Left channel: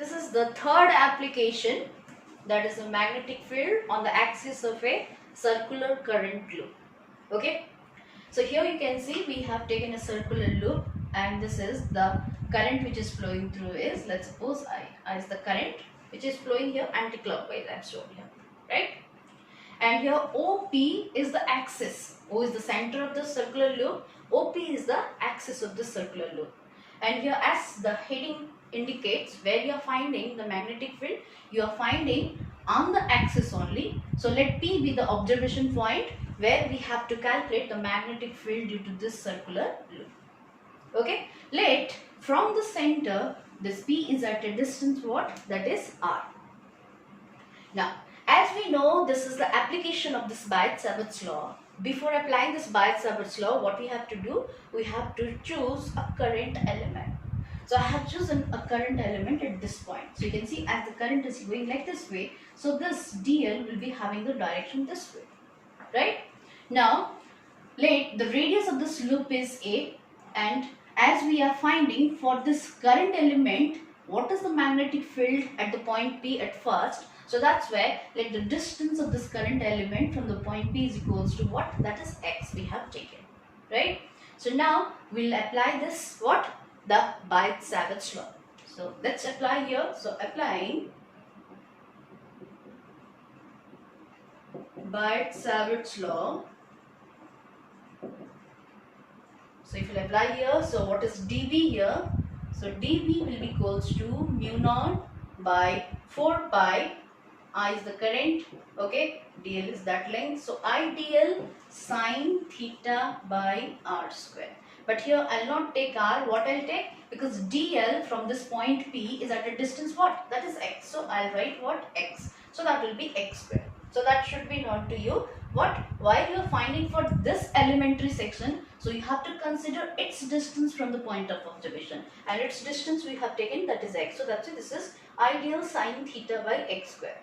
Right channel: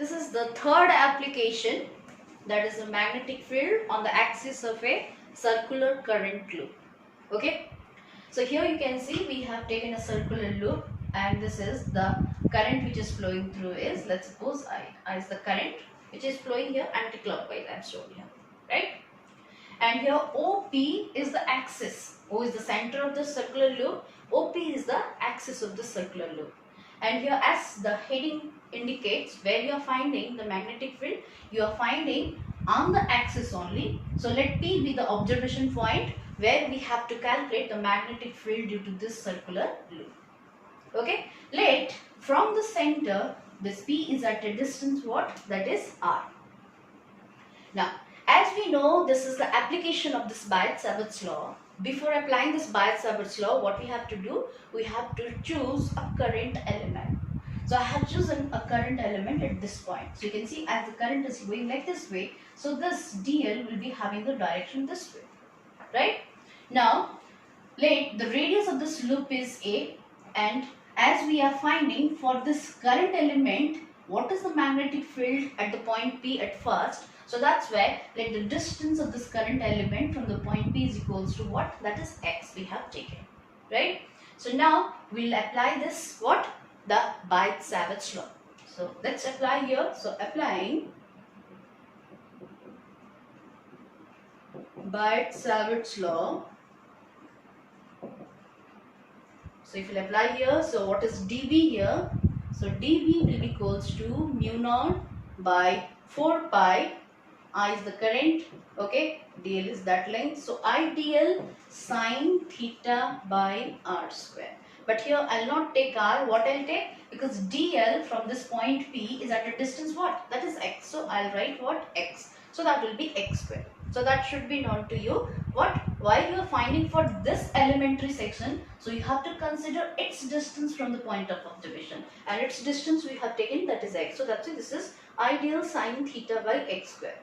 This is the third application, that is a magnetic field on the axis of a circular current loop. Okay. So here you can see we have taken a circular loop, and this is the current which is flowing through is, let's suppose I is the current which is flowing here anti-clockwise, as shown here, right? And here OP is the axis. O is the center of the circular loop. OP is the axis of the circular loop. And here, as the heading indicates, where you are finding the magnetic field, you are finding on the axis only. So let P be the observation point where we have to calculate the magnetic field due to this circular loop. Okay. Let from the center, this P is at a distance what? That is R. Now, as we know, this is the application of this Biot-Savart's law. Before applying this Biot-Savart's law, what we have to do? We have to choose a current element. So I have chosen a current element at this point. So you can see as the current is going like this way, so this DL will be having the direction this way, right? Now, let the radius of this loop is A, and as we are finding for this current element, what is the magnetic field at the point P at first? So that's where let the distance of this current element from the point P is equals to what? That is X we have taken, right? So now we'll apply this what? The Biot-Savart's law. So let's apply here. So applying Biot-Savart's law. So if you apply here, so what is dB here? So dB will be equals to mu naught by 4 pi. I is the current, okay, dl is that length. So IDL sine theta by r square. But here I'll not take r. What I'll take? Because dl from this point P is at a distance what? That is x. So I'll write what? X. So that will be x square. So that should be known to you. What? While you are finding for this elementary section, so you have to consider its distance from the point of observation. And its distance we have taken, that is x. So that's why this is IDL sine theta by x square.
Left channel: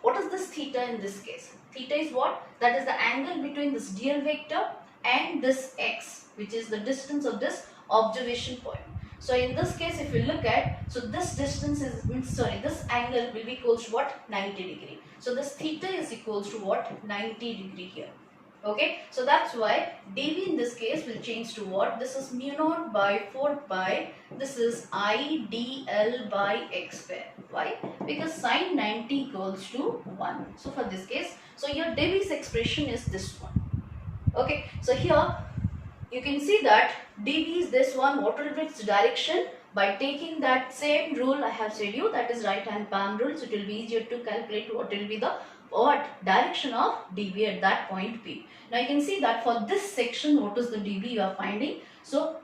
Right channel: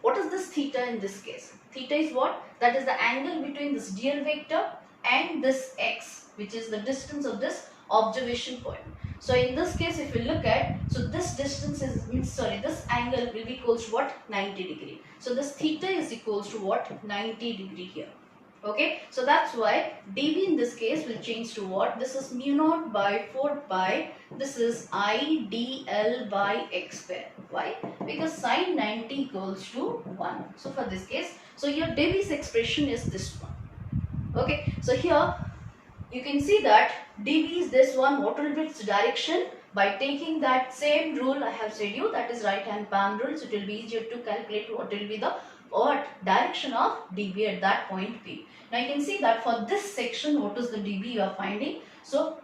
What is this theta in this case? Theta is what? That is the angle between this dl vector and this x, which is the distance of this observation point. So in this case, if you look at, so this distance is, this angle will be equals to what? 90 degree. So this theta is equals to what? 90 degree here. Okay, so that's why dV in this case will change to what? This is mu naught by 4 pi. This is IDL by x square. Why? Because sine 90 equals to 1. So for this case, so your dV's expression is this one. Okay, so here you can see that dV is this one. What will be its direction? By taking that same rule I have said you, that is right hand palm rule. So it will be easier to calculate what will be the direction of dV at that point P. Now you can see that for this section, what is the dV you are finding? So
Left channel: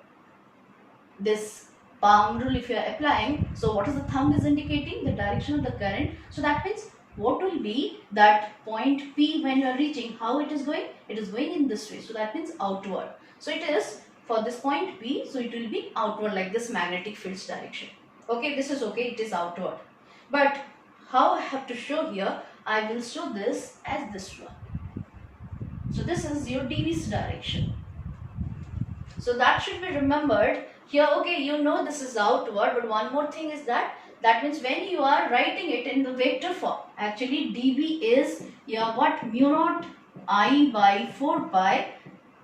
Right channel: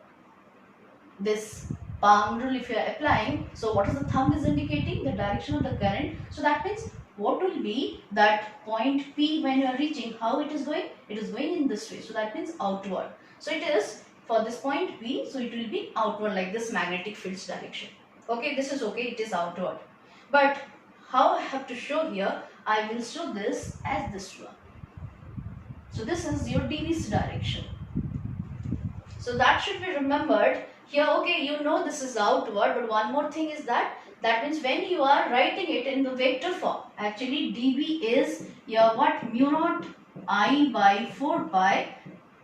this palm rule if you are applying, so what is the thumb is indicating? The direction of the current. So that means what will be that point P when you are reaching, how it is going? It is going in this way. So that means outward. So it is for this point P, so it will be outward like this magnetic field's direction. Okay, this is okay, it is outward. But how I have to show here? I will show this as this one. So this is your dV's direction. So that should be remembered. Here, okay, you know this is outward, but one more thing is that means when you are writing it in the vector form, actually dV is your what? Mu naught I by 4 pi,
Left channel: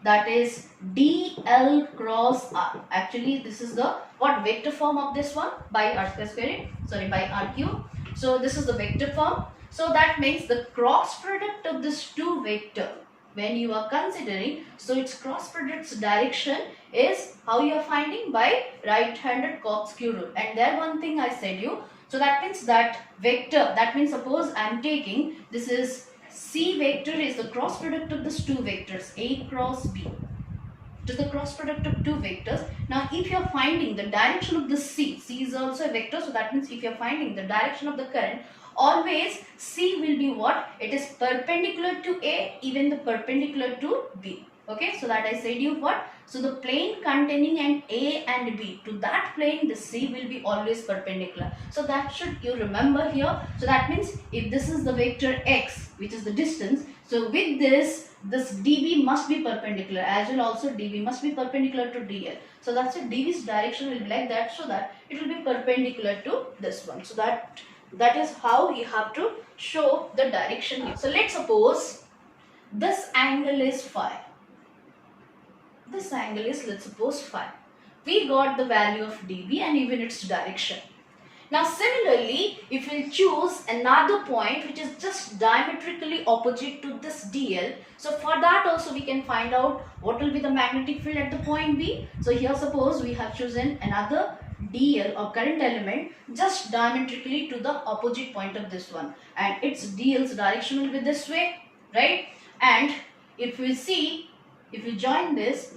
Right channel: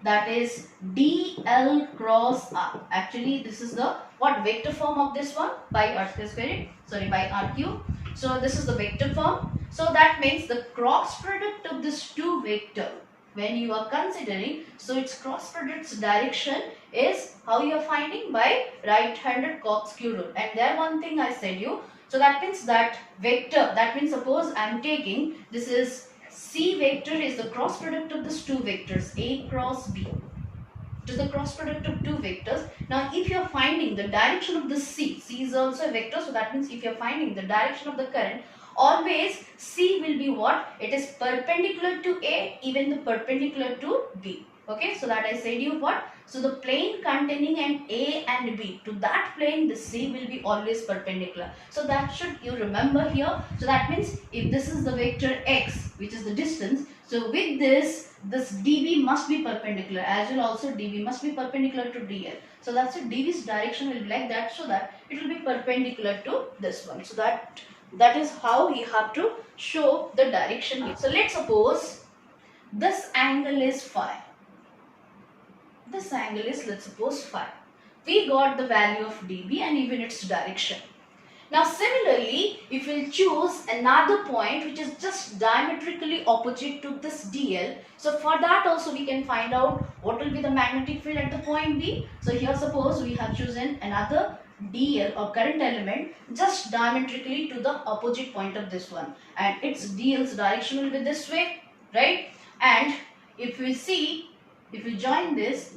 that is dl cross r. Actually this is the what vector form of this one? By r square, sorry, by r cube. So this is the vector form. So that means the cross product of this two vector, when you are considering, so its cross product's direction is how you are finding? By right-handed corkscrew rule. And there one thing I said you, so that means that vector, that means suppose I am taking, this is C vector is the cross product of these two vectors, A cross B. To the cross product of two vectors. Now if you are finding the direction of the C is also a vector, so that means if you are finding the direction of the current, always C will be what? It is perpendicular to A, even the perpendicular to B. Okay, so that I said you what? So the plane containing an A and B, to that plane the C will be always perpendicular. So that should you remember here. So that means if this is the vector X, which is the distance, So with this dv must be perpendicular, as well also dv must be perpendicular to dl. So that's it, dv's direction will be like that, so that it will be perpendicular to this one. So that is how we have to show the direction. So let's suppose this angle is phi. This angle is, let's suppose, phi. We got the value of dv and even its direction. Now similarly, if we choose another point which is just diametrically opposite to this dl, so for that also we can find out what will be the magnetic field at the point B. So here suppose we have chosen another dl or current element just diametrically to the opposite point of this one, and its dl's direction will be this way, right? And if we see, if we join this,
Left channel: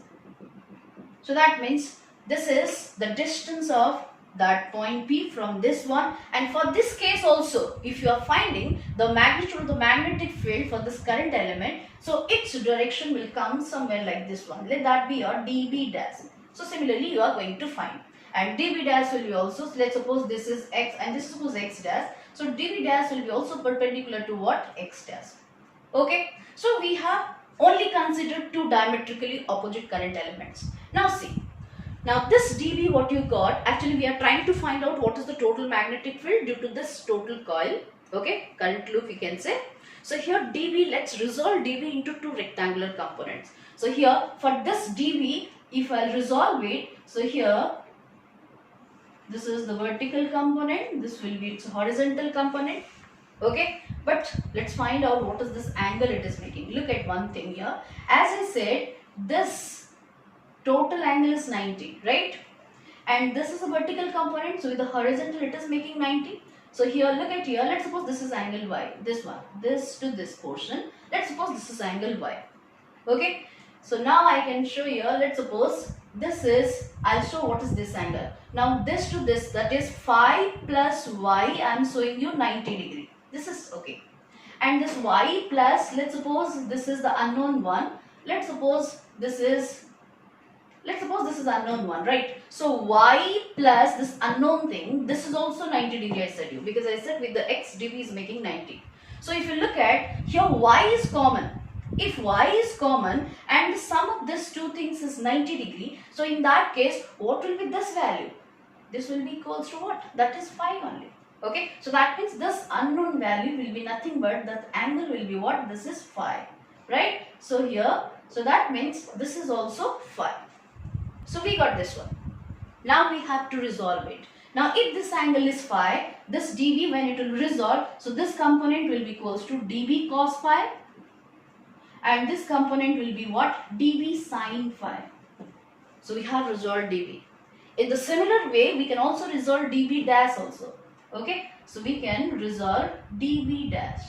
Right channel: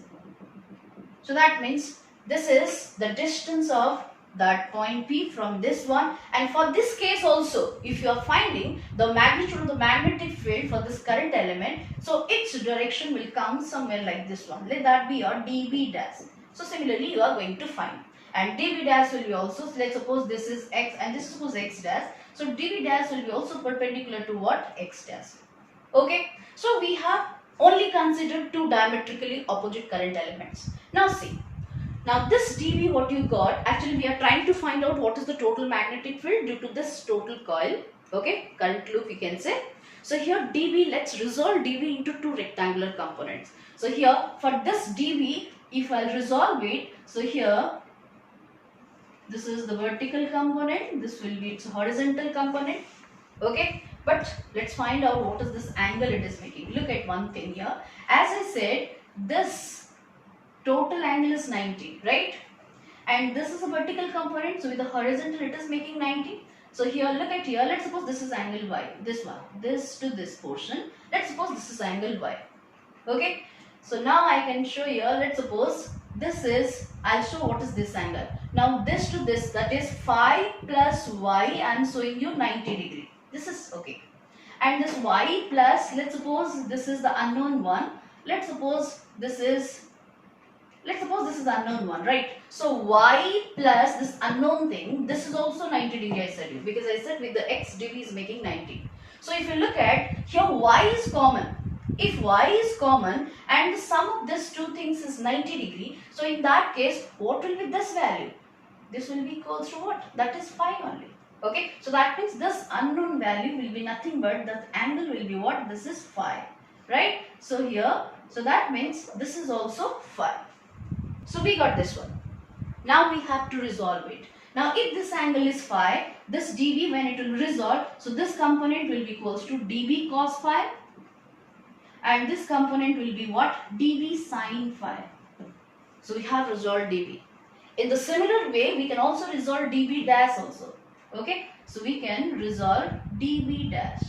so that means this is the distance of that point P from this one. And for this case also, if you are finding the magnitude of the magnetic field for this current element, so its direction will come somewhere like this one. Let that be your dv dash. So similarly you are going to find, and dv dash will be also, so let's suppose this is x and this is suppose x dash, so dv dash will be also perpendicular to what? X dash. Okay, so we have only considered two diametrically opposite current elements. Now see, now this dv what you got, actually we are trying to find out what is the total magnetic field due to this total coil, okay, current loop we can say. So here dv, let's resolve dv into two rectangular components. So here for this dv, if I'll resolve it, so here this is the vertical component, this will be its horizontal component, okay. But let's find out what is this angle it is making. Look at one thing here, as I said, this total angle is 90, right? And this is a vertical component, so with the horizontal it is making 90. So here, look at here, let's suppose this is angle y, this one, this to this portion, let's suppose this is angle y, okay. So now I can show here, let's suppose this is, I'll show what is this angle. Now this to this, that is phi plus y, I am showing you 90 degree. This is okay. And this y plus, let's suppose this is the unknown one. Let's suppose this is unknown one, right? So y plus this unknown thing, this is also 90 degree I said you, because I said with the x dv is making 90. So if you look at here, y is common. If y is common and the sum of these two things is 90 degree, so in that case, what will be this value? This will be equal to what? That is phi only. Okay, so that means this unknown value will be nothing but the angle will be what? This is phi, right? So here, so that means this is also phi. So we got this one. Now we have to resolve it. Now if this angle is phi, this dv when it will resolve, so this component will be equals to dv cos phi, and this component will be what? dv sin phi. So we have resolved dv. In the similar way, we can also resolve dv dash also. Okay, so we can resolve dv dash.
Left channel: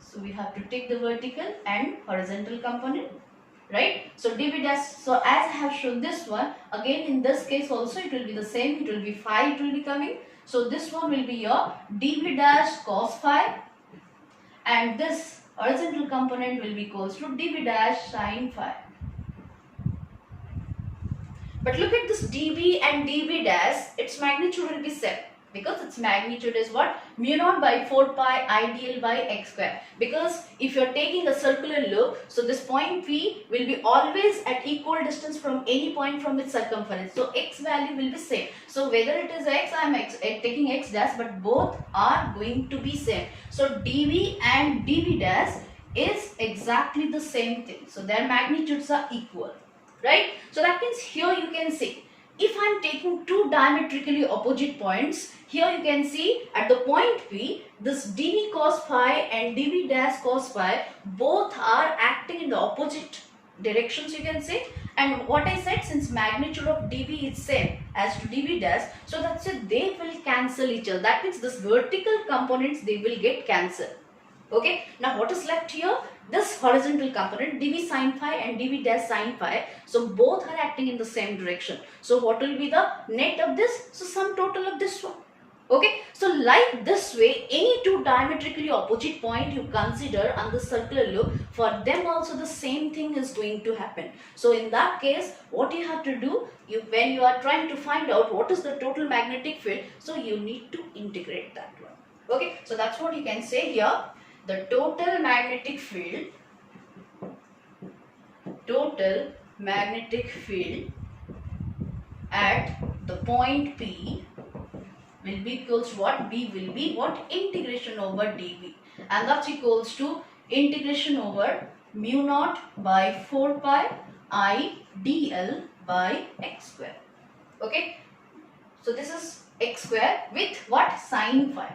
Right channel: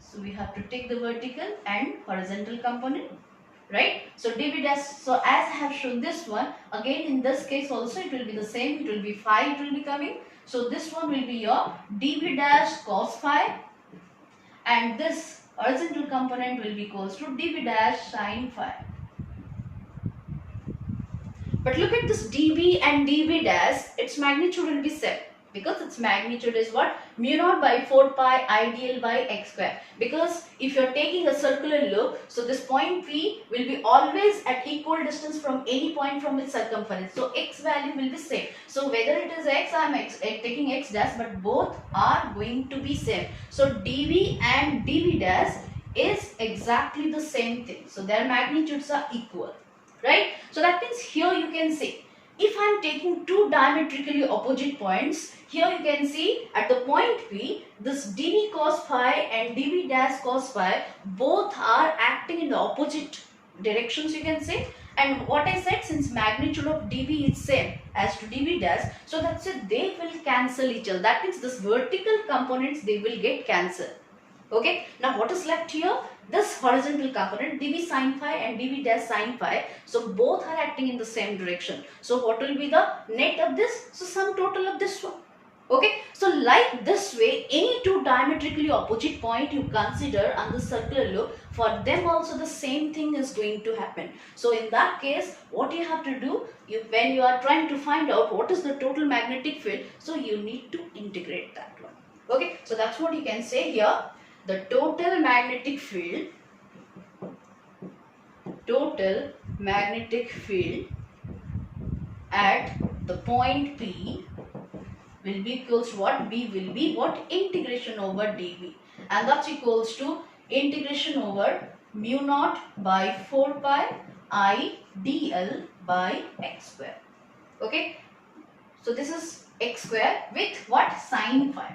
So we have to take the vertical and horizontal component, right? So dv dash, so as I have shown this one, again in this case also it will be the same, it will be phi, it will be coming. So this one will be your dv dash cos phi, and this horizontal component will be equals to dv dash sin phi. But look at this dv and dv dash, its magnitude will be same, because its magnitude is what? Mu naught by 4 pi idl by x square. Because if you are taking a circular loop, so this point P will be always at equal distance from any point from its circumference. So x value will be same. So whether it is x, I am taking x dash, but both are going to be same. So dv and dv dash is exactly the same thing. So their magnitudes are equal, right? So that means here you can see, if I am taking two diametrically opposite points, here you can see at the point P, this dv cos phi and dv dash cos phi, both are acting in the opposite directions, you can say. And what I said, since magnitude of dv is same as to dv dash, so that's it, they will cancel each other. That means this vertical components, they will get cancelled. Okay, now what is left here? This horizontal component dv sin phi and dv dash sin phi, so both are acting in the same direction. So what will be the net of this? So sum total of this one. Okay, so like this way, any two diametrically opposite point you consider on the circular loop, for them also the same thing is going to happen. So in that case, what you have to do, when you are trying to find out what is the total magnetic field, so you need to integrate that one. Okay, so that's what you can say here. the total magnetic field at the point P will be equals to what? B will be what? Integration over dV, and that's equals to integration over mu naught by 4 pi I dl by x square. Okay, so this is x square with what? Sine phi,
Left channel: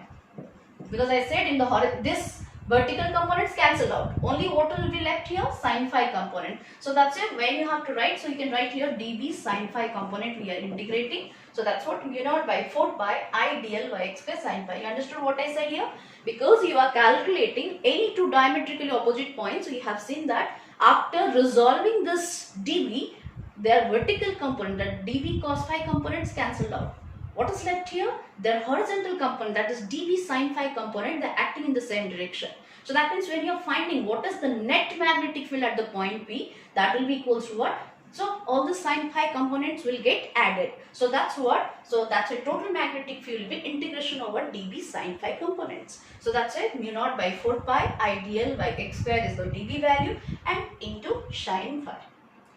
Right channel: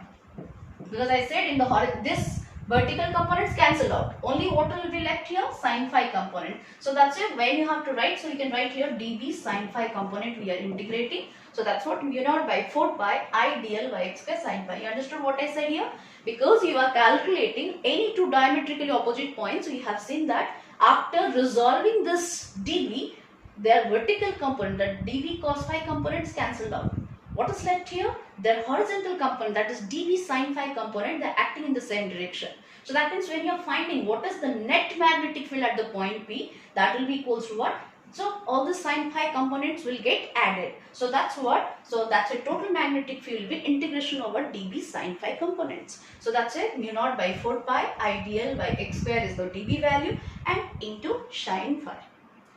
because I said in the this vertical components cancel out, only what will be left here? Sine phi component. So that's it, where you have to write, so you can write here dB sine phi component we are integrating. So that's what mu naught by 4 pi I dl by x square sine phi. You understood what I said here? Because you are calculating any two diametrically opposite points, we have seen that after resolving this dB, their vertical component, that dV cos phi components cancelled out. What is left here? Their horizontal component, that is dV sin phi component, they are acting in the same direction. So that means when you are finding what is the net magnetic field at the point P, that will be equals to what? So all the sin phi components will get added. So that's what? So that's a total magnetic field with integration over dV sin phi components. So that's it, mu naught by 4 pi I dl by x square is the dV value and into sin phi.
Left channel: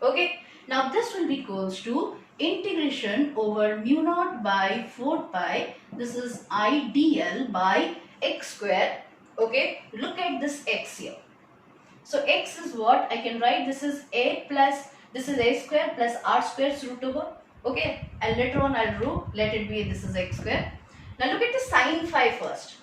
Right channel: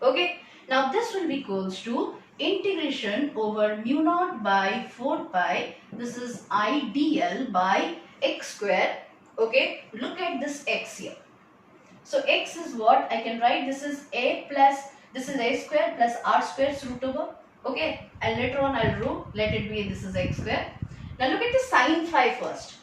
Okay, now this will be equals to integration over mu naught by 4 pi, this is I dl by x square. Okay, look at this x here. So x is what? I can write this is a plus, this is a square plus r square root over. Okay, and later on I'll root, let it be this is x square. Now look at the sin phi first.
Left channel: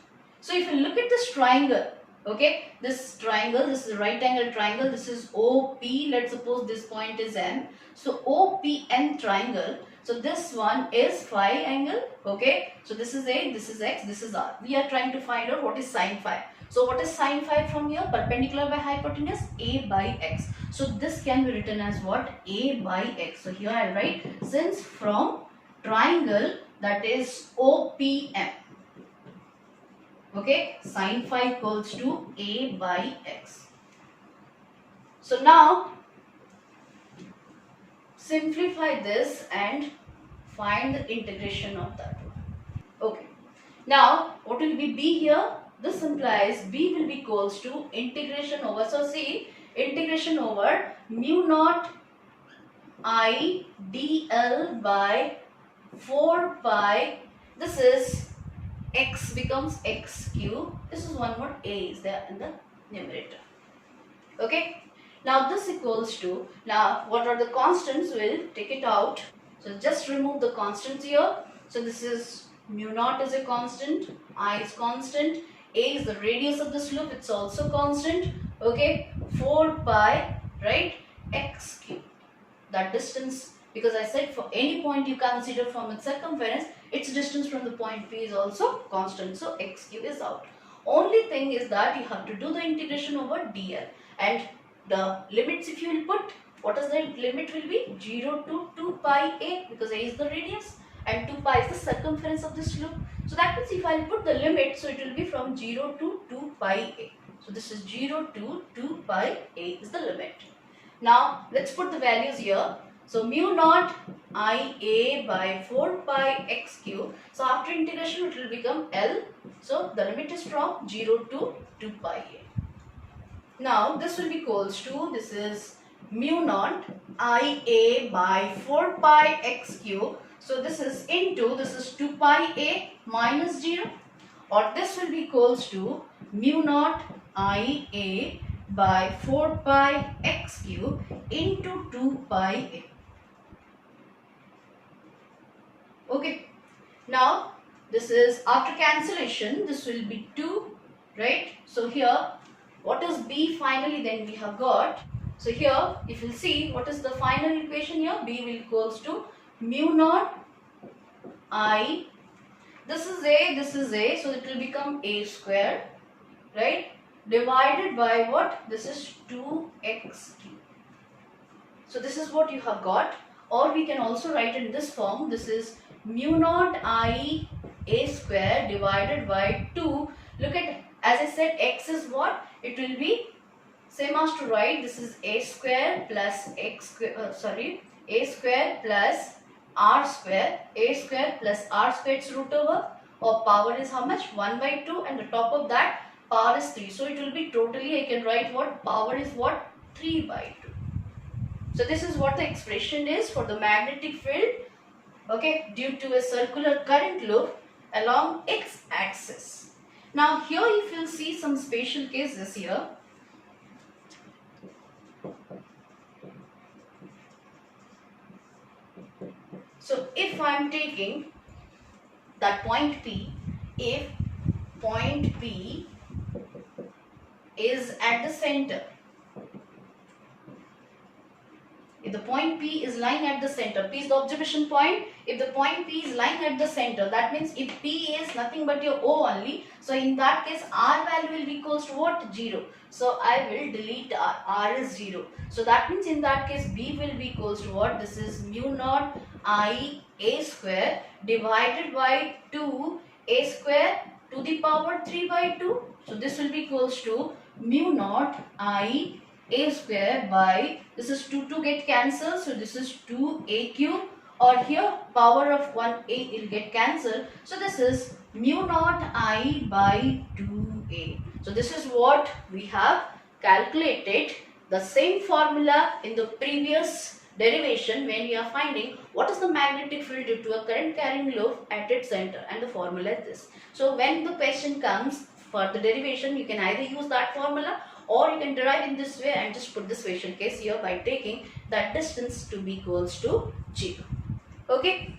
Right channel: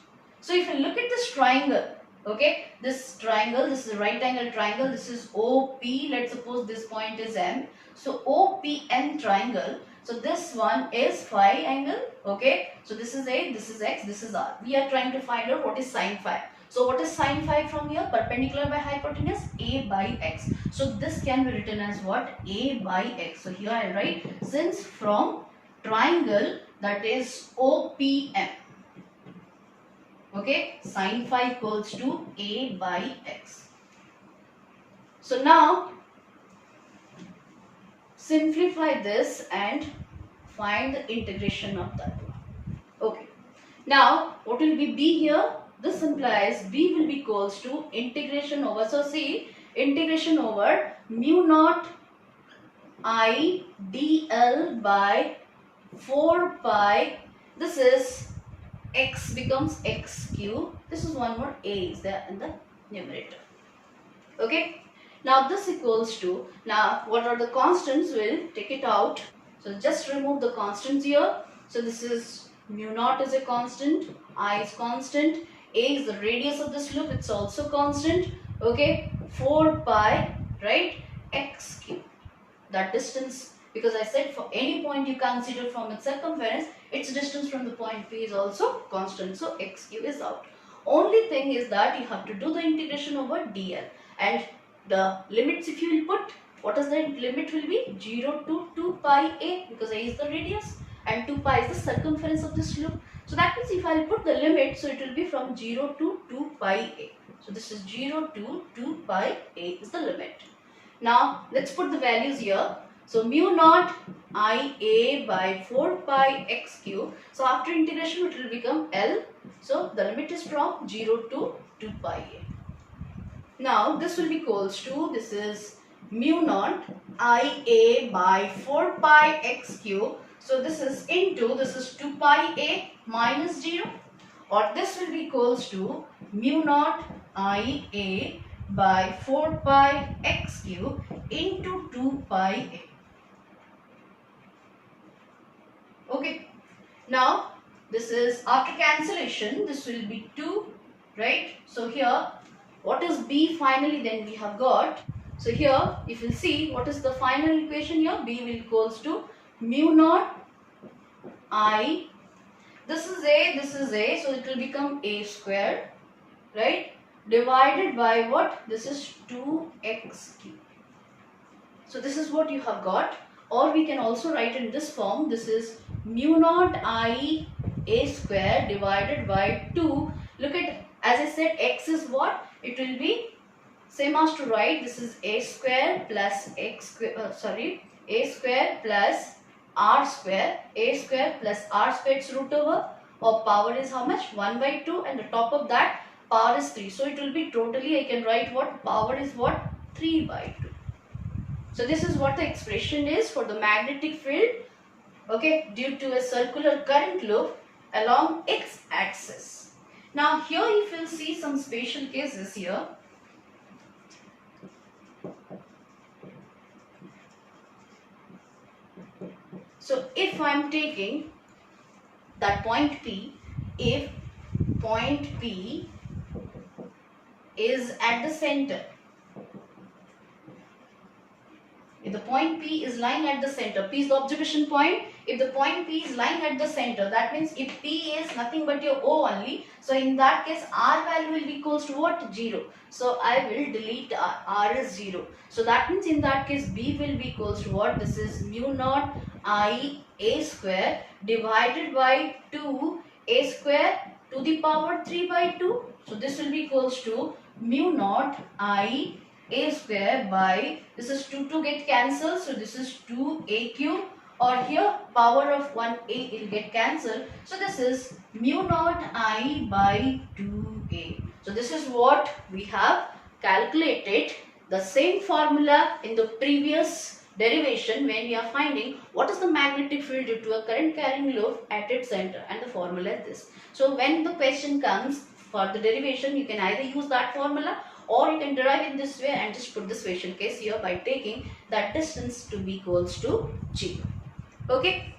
So if you look at this triangle, okay, this triangle, this is a right angle triangle, this is OP, let's suppose this point is M. So OPN triangle, so this one is phi angle, okay, so this is A, this is X, this is R. We are trying to find out what is sin phi. So what is sin phi from here? Perpendicular by hypotenuse, A by X. So this can be written as what? A by X. So here I write, since from triangle that is OPM, okay, sin phi equals to A by X. So now simplify this and find the integration of that one. Okay, now what will be B here? This implies B will be equals to integration over, so see, integration over mu naught I dl by 4 pi, this is x becomes x cube, this is one more A is there in the numerator. Okay, now this equals to, now what are the constants? We'll take it out. So just remove the constants here. So this is mu naught is a constant, I is constant, A is the radius of this loop, it's also constant. Okay, 4 pi, right, x cube, that distance, because I said for any point you consider from its circumference, its distance from the point P is also constant, so x cube is out. Only thing is that you have to do the integration over dl, and the limits if you will put, what is the limit will be? 0 to 2 pi A, because A is the radius and 2 pi is the circumference of this loop. So that means if I will put the limit, so it will be from 0 to 2 pi A. So this is 0 to 2 pi A is the limit. Now let's put the values here. So mu naught I A by 4 pi x cube. So after integration it will become L. So the limit is from 0 to 2 pi A. Now this will be equals to, this is mu naught I A by 4 pi x cube. So this is into, this is 2 pi A minus 0, or this will be equals to mu naught I A by 4 pi x cube into 2 pi A. Okay, now this is after cancellation, this will be 2, right? So here what is B finally then we have got. So here if you see what is the final equation here, B will equals to mu naught I, this is A, so it will become A square, right, divided by what? This is 2x cube. So this is what you have got, or we can also write in this form, this is mu naught I A square divided by 2. Look at, as I said, x is what? It will be same as to write, this is A square plus x square, A square plus r square, A square plus r square its root over, or power is how much? 1 by 2, and the top of that power is 3. So it will be totally, I can write what? Power is what? 3 by 2. So this is what the expression is for the magnetic field, okay, due to a circular current loop along x axis. Now here if you'll see some special cases here. So if I am taking that point P, if point P is at the center, if the point P is lying at the center, P is the observation point. If the point P is lying at the center, that means if P is nothing but your O only, so in that case R value will be equals to what? 0. So I will delete R is 0. So that means in that case B will be equals to what? This is mu naught I A square divided by 2 A square to the power 3 by 2. So this will be equals to mu naught I A square by, this is 2 get cancelled, so this is 2A cube, or here power of 1A will get cancelled, so this is mu naught I by 2A. So this is what we have calculated, the same formula in the previous derivation when we are finding what is the magnetic field due to a current carrying loop at its center, and the formula is this. So when the question comes for the derivation, you can either use that formula or you can derive in this way and just put the special case here by taking that distance to be equals to 0. Okay.